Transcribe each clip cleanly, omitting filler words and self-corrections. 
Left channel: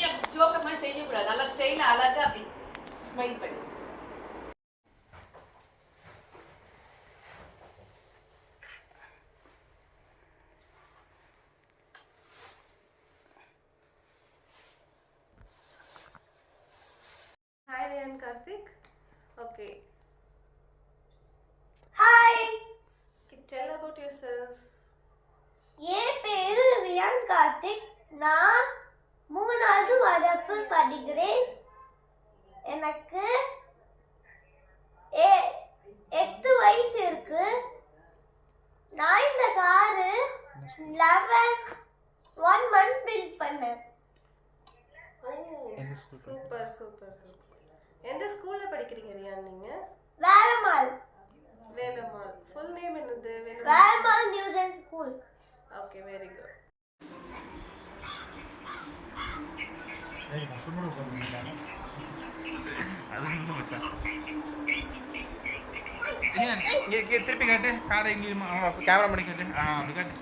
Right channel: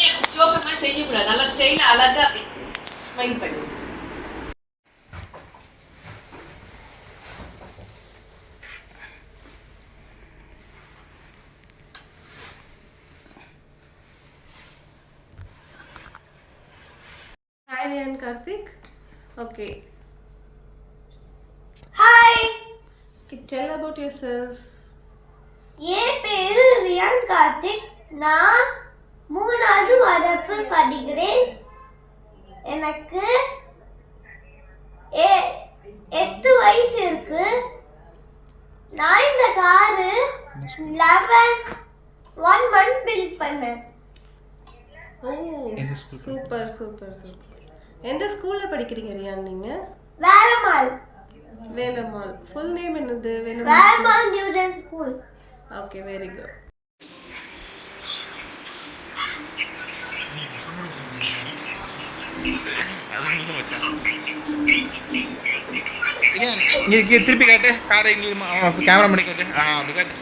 நீ ஜோக்கர் மாதிரி செய்யக்கூடாது. நல்லா ஸ்டைல அழகா அப்படி ஸ்மைல் பண்ணு. Hi Riyan Karthik. Okay. Hi. Tell about yourself. என் பேரு ரியான் கார்த்திக். நான் 3வது வகுப்பு படிக்கிறேன். எனக்கு 8 வயசு இருக்கு. நான் இந்த காரு 1 month பில்ட் பண்ணேன். Oh, super. எந்த ஸ்கூல்ல படிக்கிறீங்க ரியான் நீங்க? வேலம்மாள். ஃபுல் நேம் என்னது? Velammal Newgen school. Okay, very good. இங்கே திருப்பி காட்டு காரை இங்கே கேமரா பண்ணி காட்டு. அப்படி காட்டு.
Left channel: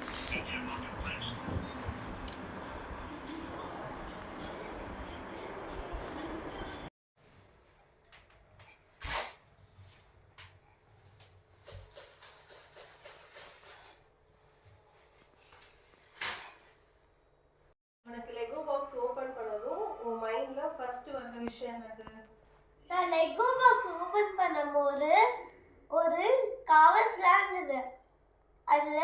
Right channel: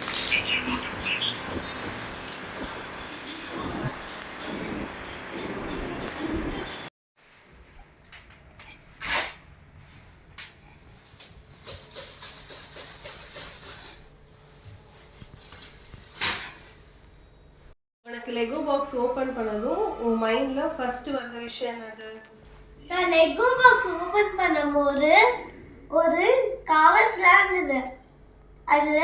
உனக்கு லெகோ பாக்ஸ் ஓபன் பண்ணதும் உன் மைண்ட்ல ஃபர்ஸ்ட் வந்த விஷயம் என்னது? நான் லெகோ பாக்ஸ் ஓபன் பண்ணும்போது ஒரு கவர்ஸ்லாம் இருந்தது. அதுல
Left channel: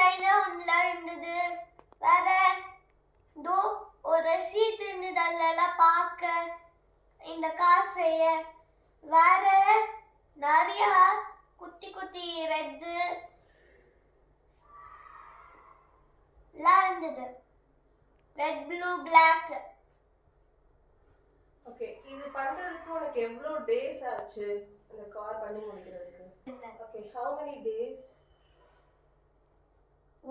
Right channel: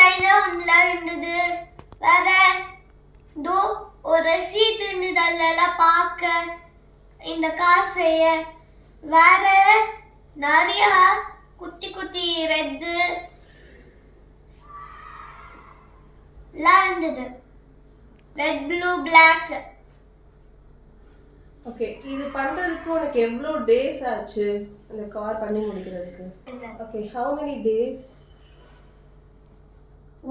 லைனா ஒன்றுல இருந்தது. வேற ஒரு ஷீட் இருந்தது. அதெல்லாம் பார்க்க இந்த கார் செய்ய வேற நிறைய குட்டி ரெட்டு இருந்தது. Red blue black. ஓகே, இது பண்றதுக்கு உனக்கு எவ்வளவு டேஸ் ஆச்சு அந்த கார் பண்ணி முடிக்கிறதுக்கு? Okay, how many days?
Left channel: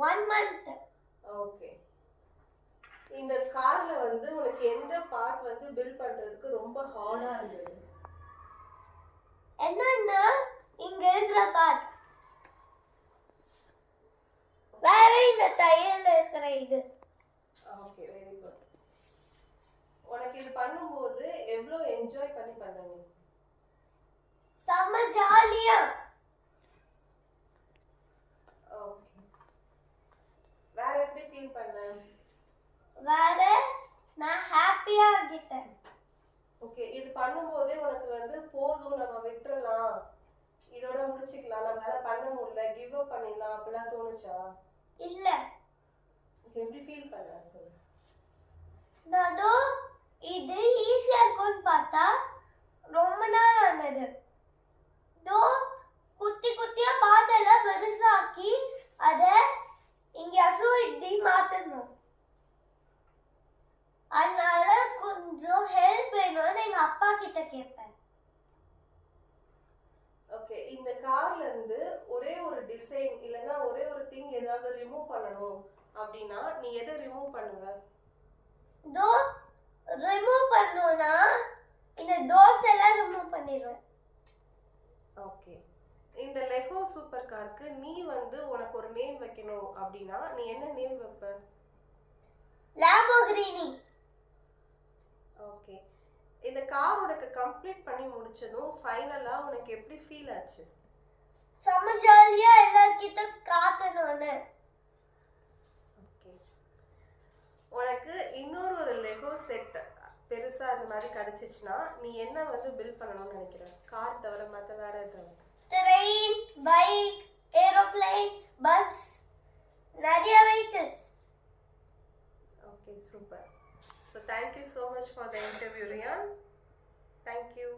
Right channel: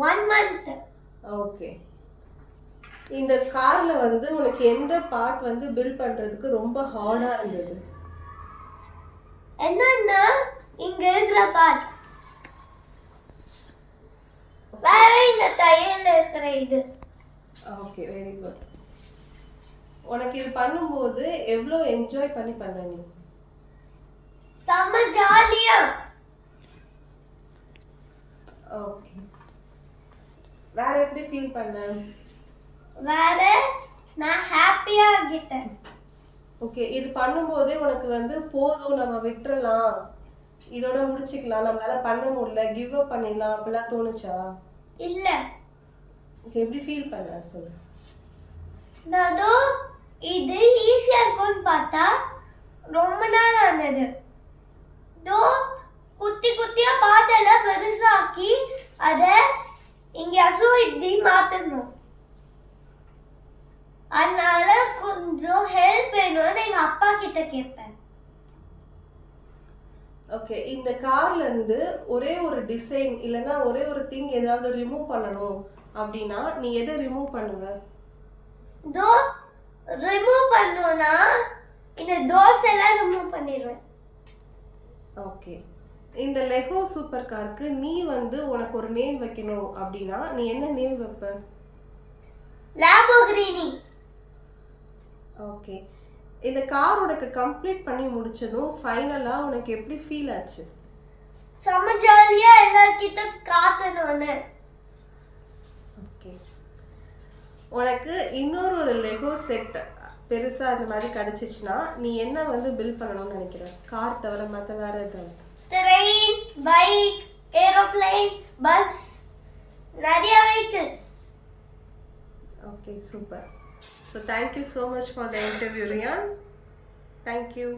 1 month. Okay, இந்த கார்ல வந்து உனக்கு எந்த பார்ட் வந்து பில்ட் பண்றதுக்கு ரொம்ப ஹார்டா இருந்தது? என்னன்னா இங்க இருக்கிற பார்ட். வேற இந்த டயர்ல இருக்கிற இது. Okay, very good. உனக்கு இது பண்ணும்போது எவ்வளோ என்ஜாய் பண்ணி பண்ண நீ? செம்ம ஜாலியா. ஓகே, வேற எப்படி ஃபீல் பண்ண? வேற நான் ஹாப்பியா ஆகிட்டேன். ஓகே, இது பண்ணும்போதே உனக்கு வந்து போதும் நம்ம விட்டுறலாம், இதோட முடிச்சுக்கலாம், நம்மளால பண்ண முடியல, கிவ் அப் பண்ணிடலாம் அப்படிலாம் தோணுச்சா? இல்ல. ஓகே, எப்படி ஃபீல் பண்ண சொல்லு. நானோ இது ஈஸியா இருக்கும்னு பார்த்தா ரொம்ப நாள் ஆனது. குட்டியா பாட்டெல்லாம் பெருசாக்கி அதை எங்கேயாச்சும் இப்படி மாற்றணும். அதனால கொஞ்சம் ஹெல்ப் வேணும்னு எங்கள் அப்பா கிட்ட கேட்பேன். ஓகே, இந்த கார்ல இருந்து ஒரே ஒரு டிசைன் இல்லைன்னா ஒரே ஒரு திங் ஏதாவது ரிமூவ் பண்ணணும் அப்படின்னா நீ எதை ரிமூவ் பண்ணுவ? ரிமூவ் பண்ணோம்னா இந்த டோர்ஸ் எல்லாம் ரிமூவ் பண்ணிடுவேன். ஓகே, இந்த லெகோ சூப்பர் காருக்கு நீ வந்து உனக்கு ஒரு நேம் வைக்கணும் அப்படின்னா நீ என்ன நேம் வைப்ப? லாம்போர்கினி. ஓகே, இந்த கார் உனக்கு கம்ப்ளீட் பண்ணி முடிச்சதும் ஃபைனலா உனக்கு எப்படி ஃபீல் ஆச்சு? செம்ம ஜாலியா எல்லார்கிட்ட காட்டணும்னு. ஓகே, உனக்கு இன்னொரு ஒரு லெகோ செட் பெருசா அந்த மாதிரி கிடைச்சிச்சுன்னா நீ என்ன வந்து பில்ட் பண்ணணும்னு நினைக்கிற? கார் தவிர மற்ற வேற எதாவது? ட்ரெயின், பைக், ஏரோப்ளேன், பஸ், நிறைய vehicles. Okay, super. So thank you so much for the interview, Riyan. Thank you.